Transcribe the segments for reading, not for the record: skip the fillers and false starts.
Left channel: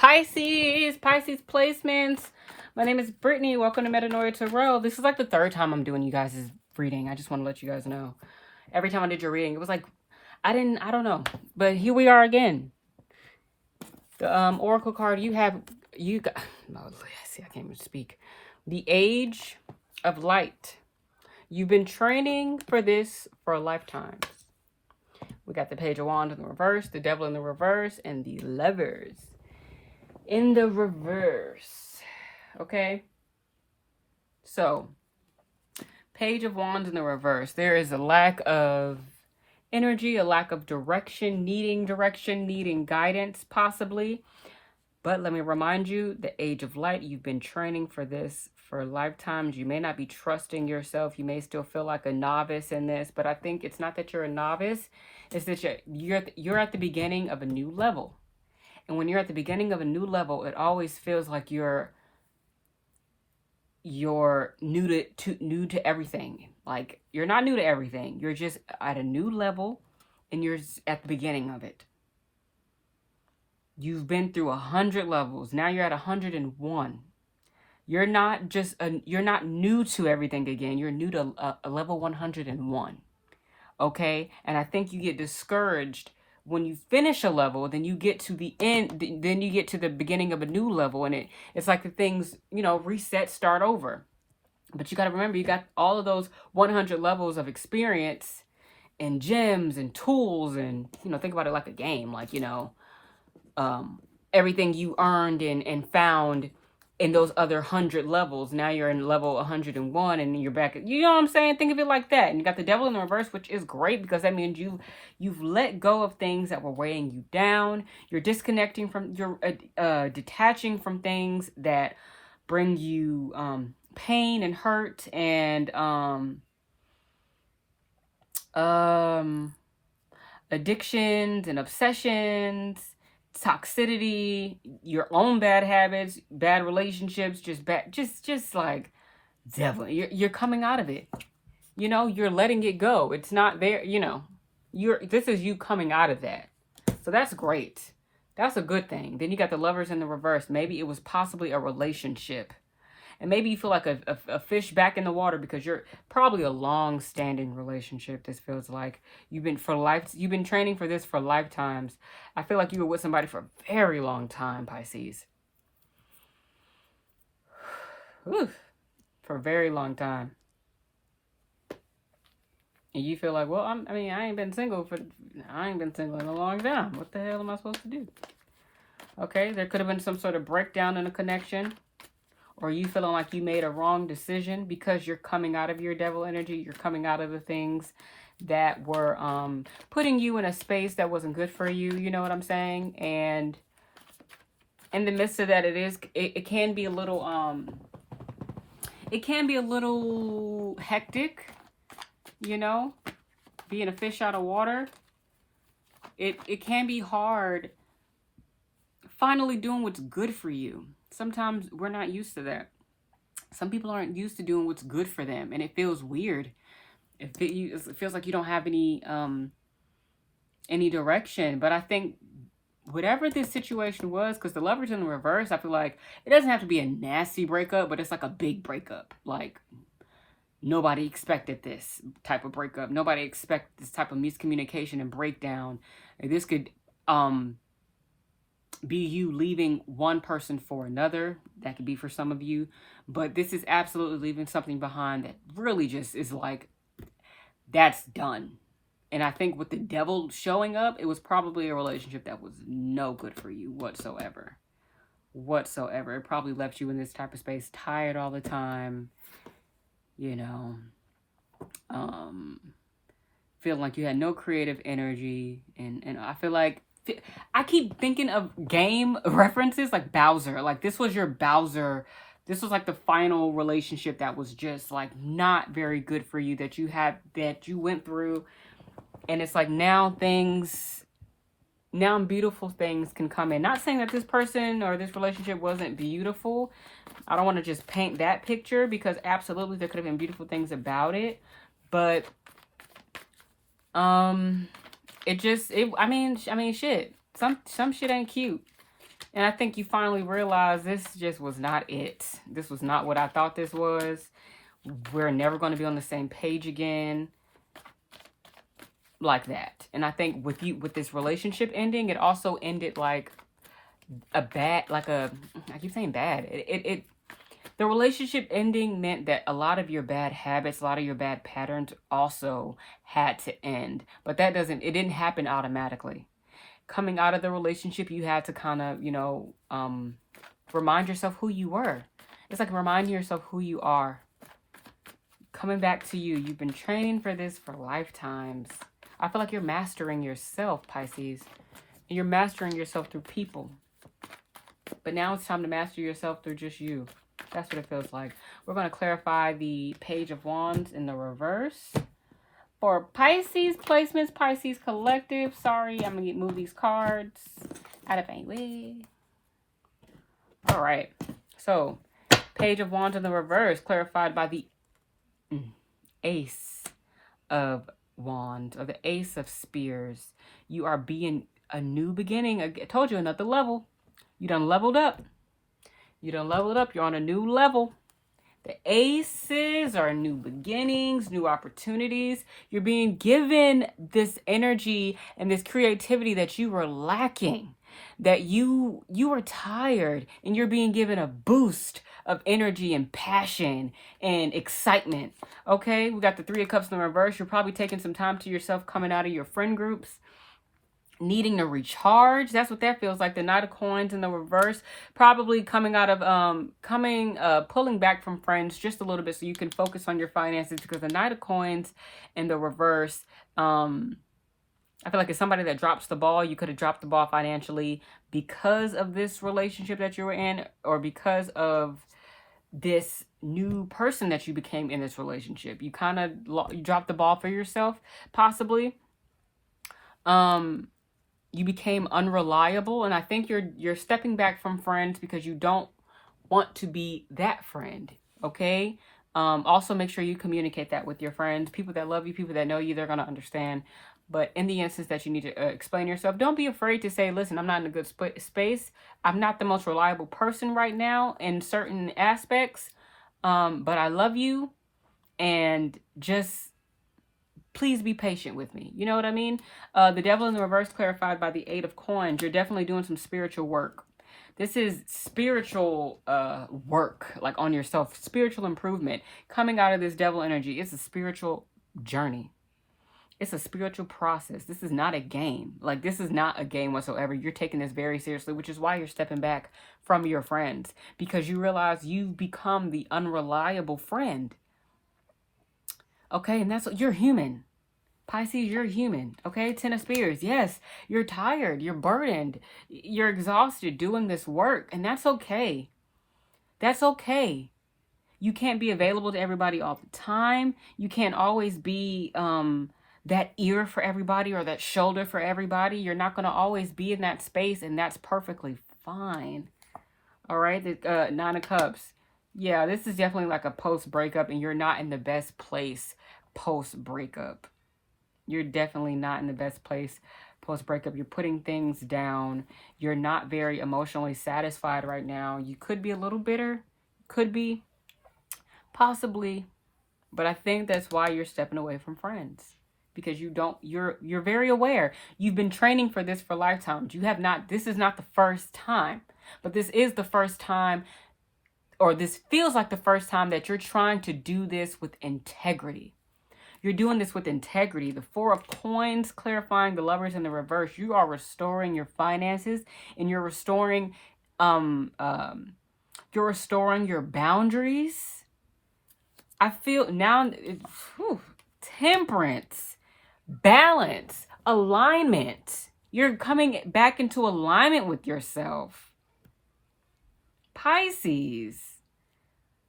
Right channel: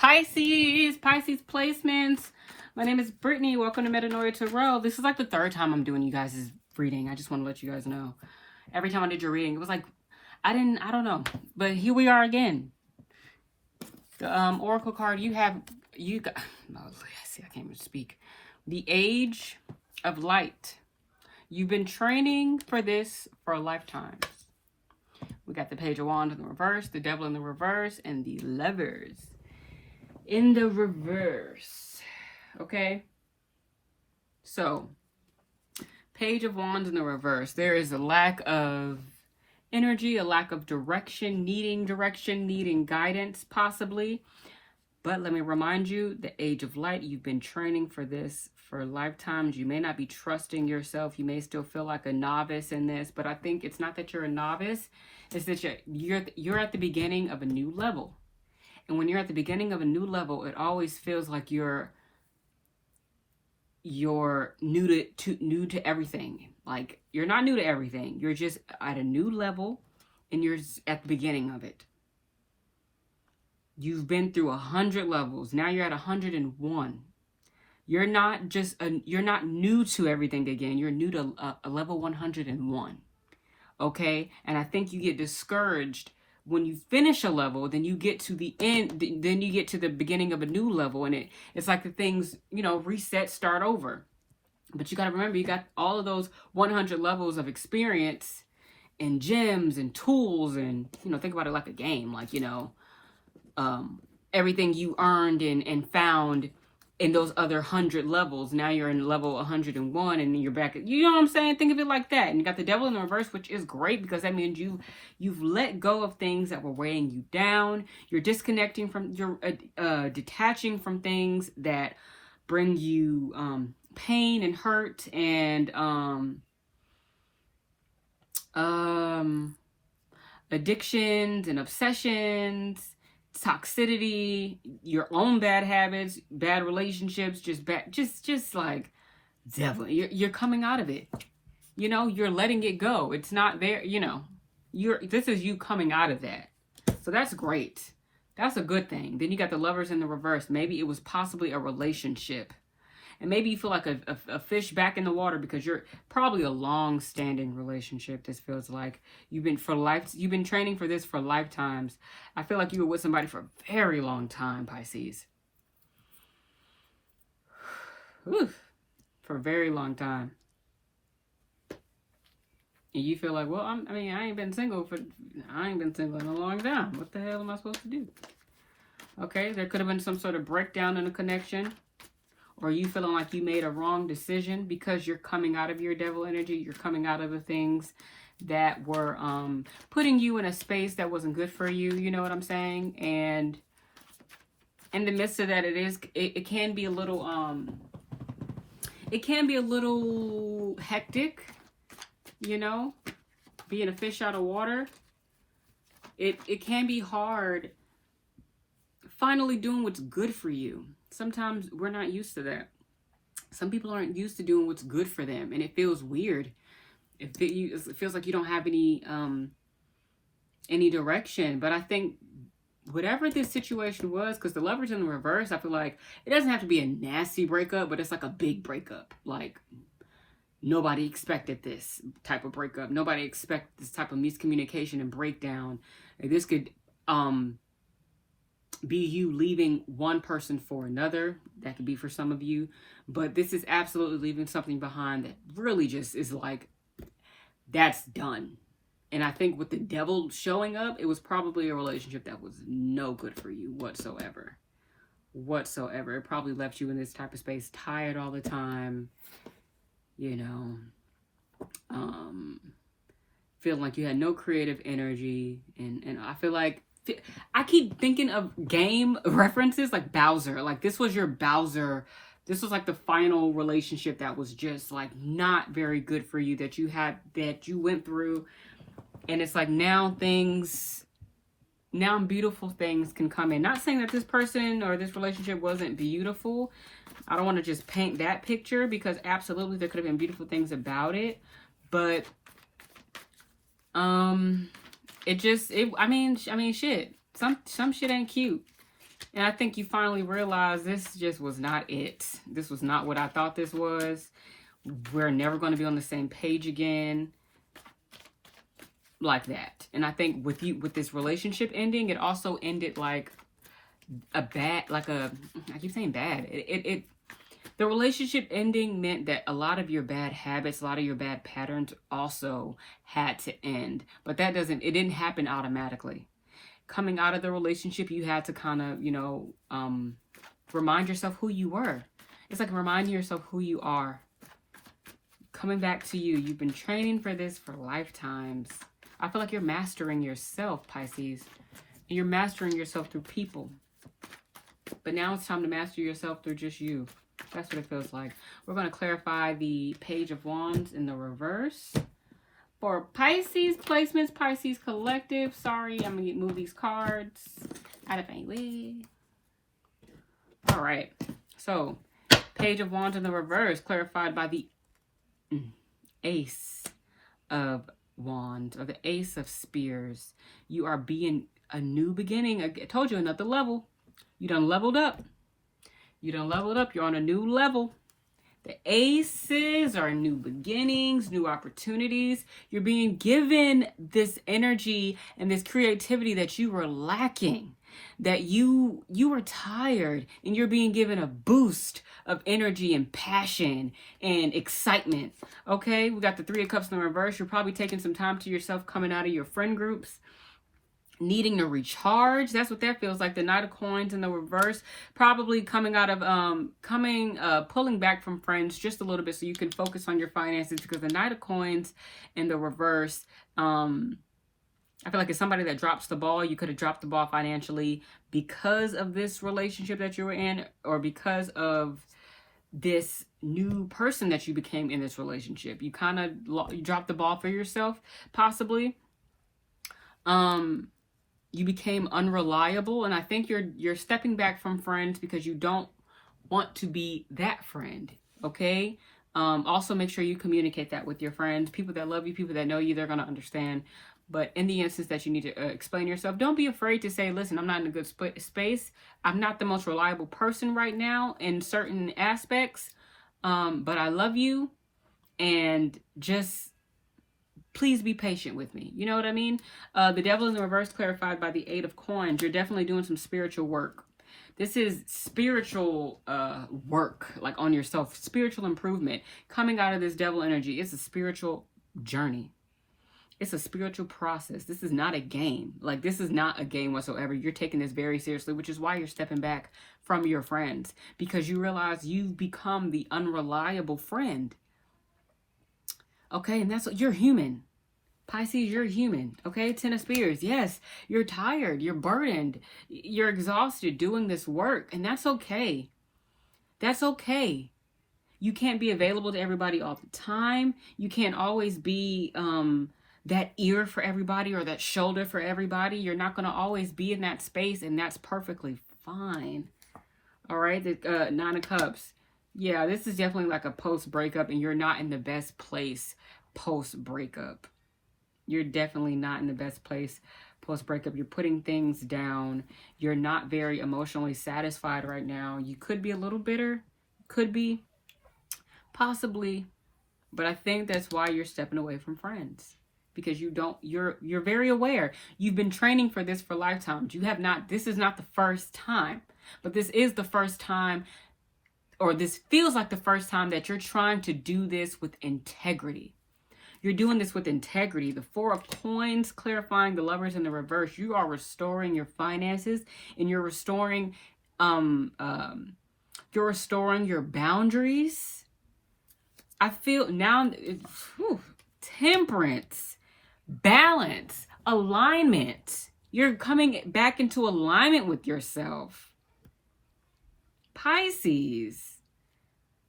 Pisces placements. My name is Brittany. Welcome to Metanoia Tarot. This is like the third time I'm doing you guys' reading. I just want to let you guys know. Every time I did your reading, it was like, I don't know. But here we are again. The Oracle card you got, no, see, I can't even speak. The Age of Light. You've been training for this for a lifetime. We got the Page of Wands in the reverse, the Devil in the reverse, and the Lovers in the reverse. Okay? So, Page of Wands in the reverse. There is a lack of energy, a lack of direction, needing guidance, possibly. But let me remind you, the Age of Light, you've been training for this for lifetimes. You may not be trusting yourself. You may still feel like a novice in this, but I think it's not that you're a novice. It's that you're at the beginning of a new level. And when you're at the beginning of a new level, it always feels like you're new to everything. Like, you're not new to everything. You're just at a new level, and you're at the beginning of it. You've been through 100 levels. Now you're at 101. You're not you're not new to everything again. You're new to a level 101. Okay? And I think you get discouraged when you finish a level, then you get to the end, then you get to the beginning of a new level, and it's like the things, reset, start over. But you got to remember, you got all of those 100 levels of experience and gems and tools, and, think about it like a game, like, everything you earned and found in those other 100 levels. Now you're in level 101, and then you're back. You know what I'm saying? Think of it like that. And you got the Devil in the reverse, which is great because that means you've let go of things that were weighing you down. You're disconnecting from, you're detaching from things that bring you pain and hurt and addictions and obsessions, toxicity, your own bad habits, bad relationships, just like devil. You're coming out of it. You're letting it go. It's not there, this is you coming out of that. So that's great. That's a good thing. Then you got the Lovers in the reverse. Maybe it was possibly a relationship. And maybe you feel like a fish back in the water because you're probably a long-standing relationship. This feels like you've been training for this for lifetimes. I feel like you were with somebody for a very long time, Pisces. Oof, for a very long time. And you feel like, well, I ain't been single in a long time. What the hell am I supposed to do? Okay, there could have been some sort of breakdown in a connection. Or you feeling like you made a wrong decision because you're coming out of your devil energy. You're coming out of the things that were putting you in a space that wasn't good for you. You know what I'm saying? And in the midst of that, it can be a little hectic. Being a fish out of water. It can be hard finally doing what's good for you. Sometimes we're not used to that. Some people aren't used to doing what's good for them, and it feels weird. It feels like you don't have any direction. But I think whatever this situation was, because the Lovers in the reverse, I feel like it doesn't have to be a nasty breakup, but it's like a big breakup. Like, nobody expected this type of breakup. Nobody expected this type of miscommunication and breakdown. This could be you leaving one person for another. That could be for some of you. But this is absolutely leaving something behind that really just is like, that's done. And I think with the Devil showing up, it was probably a relationship that was no good for you whatsoever. It probably left you in this type of space, tired all the time. Feeling like you had no creative energy. And I feel like I keep thinking of game references like Bowser. Like, this was your Bowser. This was like the final relationship that was just like not very good for you that you went through. And it's like now beautiful things can come in. Not saying that this person or this relationship wasn't beautiful. I don't want to just paint that picture, because absolutely there could have been beautiful things about it. But shit. Some shit ain't cute. And I think you finally realize this just was not it. This was not what I thought this was. We're never going to be on the same page again like that. And I think with this relationship ending, it also ended like a bad, I keep saying bad. The relationship ending meant that a lot of your bad habits, a lot of your bad patterns also had to end. But it didn't happen automatically. Coming out of the relationship, you had to kind of, remind yourself who you were. It's like reminding yourself who you are. Coming back to you. You've been training for this for lifetimes. I feel like you're mastering yourself, Pisces. And you're mastering yourself through people. But now it's time to master yourself through just you. That's what it feels like. We're going to clarify the Page of Wands in the reverse. For Pisces placements, Pisces collective. Sorry, I'm going to move these cards out of my way. All right. So, Page of Wands in the reverse, clarified by the Ace of Wands, or the Ace of Spears. You are being a new beginning. I told you, another level. You done leveled up. You done leveled up. You're on a new level. The aces are new beginnings, new opportunities. You're being given this energy and this creativity that you were lacking, that you were tired, and you're being given a boost of energy and passion and excitement. Okay, we got the Three of Cups in the reverse. You're probably taking some time to yourself, coming out of your friend groups, needing to recharge. That's what that feels like. The Knight of Coins in the reverse, probably coming out of pulling back from friends just a little bit so you can focus on your finances, because the Knight of Coins in the reverse, I feel like it's somebody that drops the ball. You could have dropped the ball financially because of this relationship that you were in, or because of this new person that you became in this relationship. You kind of you dropped the ball for yourself, possibly. You became unreliable, and I think you're stepping back from friends because you don't want to be that friend. Okay. Also make sure you communicate that with your friends, people that love you, people that know you. They're going to understand. But in the instance that you need to explain yourself, don't be afraid to say, listen, I'm not in a good space. I'm not the most reliable person right now in certain aspects. But I love you, and just please be patient with me. You know what I mean? The Devil in the reverse, clarified by the Eight of Coins. You're definitely doing some spiritual work. This is spiritual work, like on yourself, spiritual improvement. Coming out of this devil energy, it's a spiritual journey. It's a spiritual process. This is not a game. Like, this is not a game whatsoever. You're taking this very seriously, which is why you're stepping back from your friends, because you realize you've become the unreliable friend. Okay, and that's what you're human. Pisces, you're human. Okay, Ten of Spears. Yes, you're tired. You're burdened. You're exhausted doing this work, and that's okay. That's okay. You can't be available to everybody all the time. You can't always be that ear for everybody or that shoulder for everybody. You're not going to always be in that space, and that's perfectly fine. All right, the Nine of Cups. Yeah, this is definitely like a post-breakup, and you're not in the best place post-breakup. You're definitely not in the best place post-breakup. You're putting things down. You're not very emotionally satisfied right now. You could be a little bitter. Could be. Possibly. But I think that's why you're stepping away from friends. Because you're very aware. You've been training for this for lifetimes. This is not the first time. But this is the first time, or this feels like the first time that you're trying to do this with integrity. You're doing this with integrity. The Four of Coins, clarifying the Lovers in the reverse. You are restoring your finances, and you're restoring your boundaries. I feel now, temperance, balance, alignment. You're coming back into alignment with yourself. Pisces,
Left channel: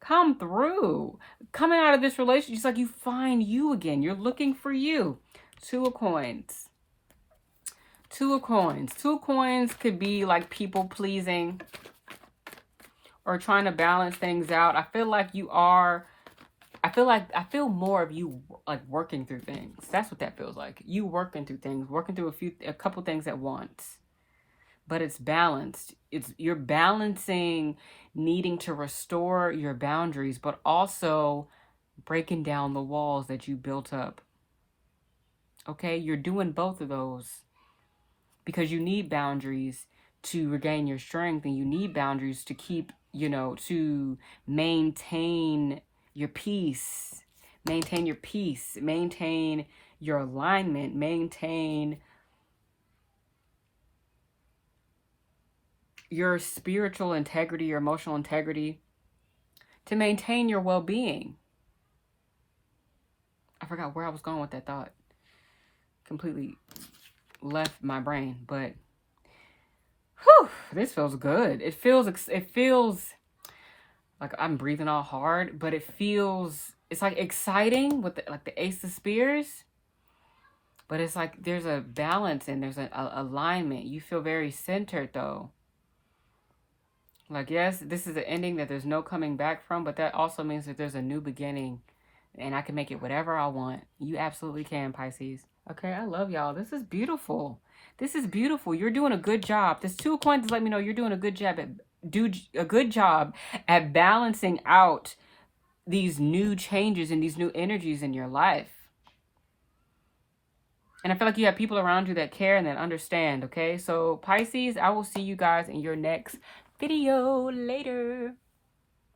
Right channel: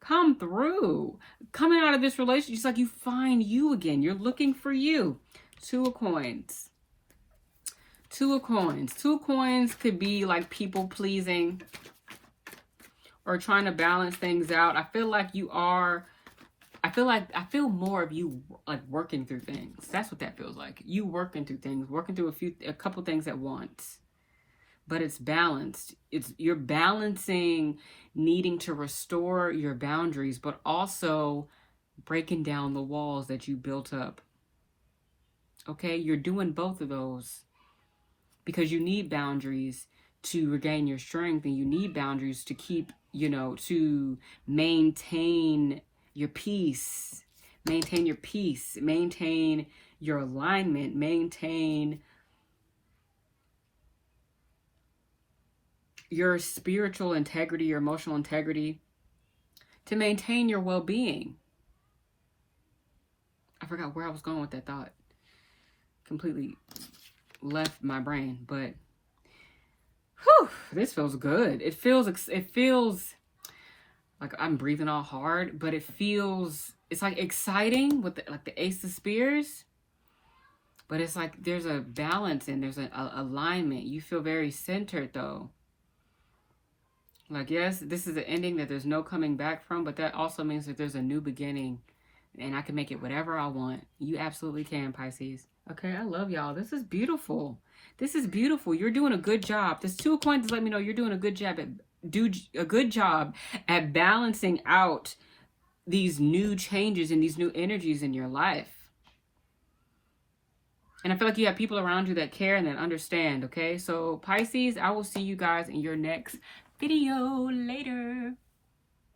come through. Coming out of this relationship, it's like you find you again. You're looking for you. Two of Coins. Two of Coins. Two of Coins could be like people pleasing or trying to balance things out. I feel more of you like working through things. That's what that feels like. You working through things, working through a couple things at once. but it's balanced. You're balancing needing to restore your boundaries, but also breaking down the walls that you built up. Okay, you're doing both of those because you need boundaries to regain your strength, and you need boundaries to keep, to maintain your peace, maintain your peace, maintain your alignment, maintain your spiritual integrity, your emotional integrity, to maintain your well-being. I forgot where I was going with that thought. Completely left my brain, but whew, this feels good. It feels like I'm breathing all hard, but it's like exciting with like the Ace of Spears, but it's like there's a balance and there's an alignment. You feel very centered though. Like, yes, this is an ending that there's no coming back from, but that also means that there's a new beginning and I can make it whatever I want. You absolutely can, Pisces. Okay, I love y'all. This is beautiful. This is beautiful. You're doing a good job. This 2 of Coins let me know you're doing a good job at balancing out these new changes and these new energies in your life. And I feel like you have people around you that care and that understand, okay? So, Pisces, I will see you guys in your next video later.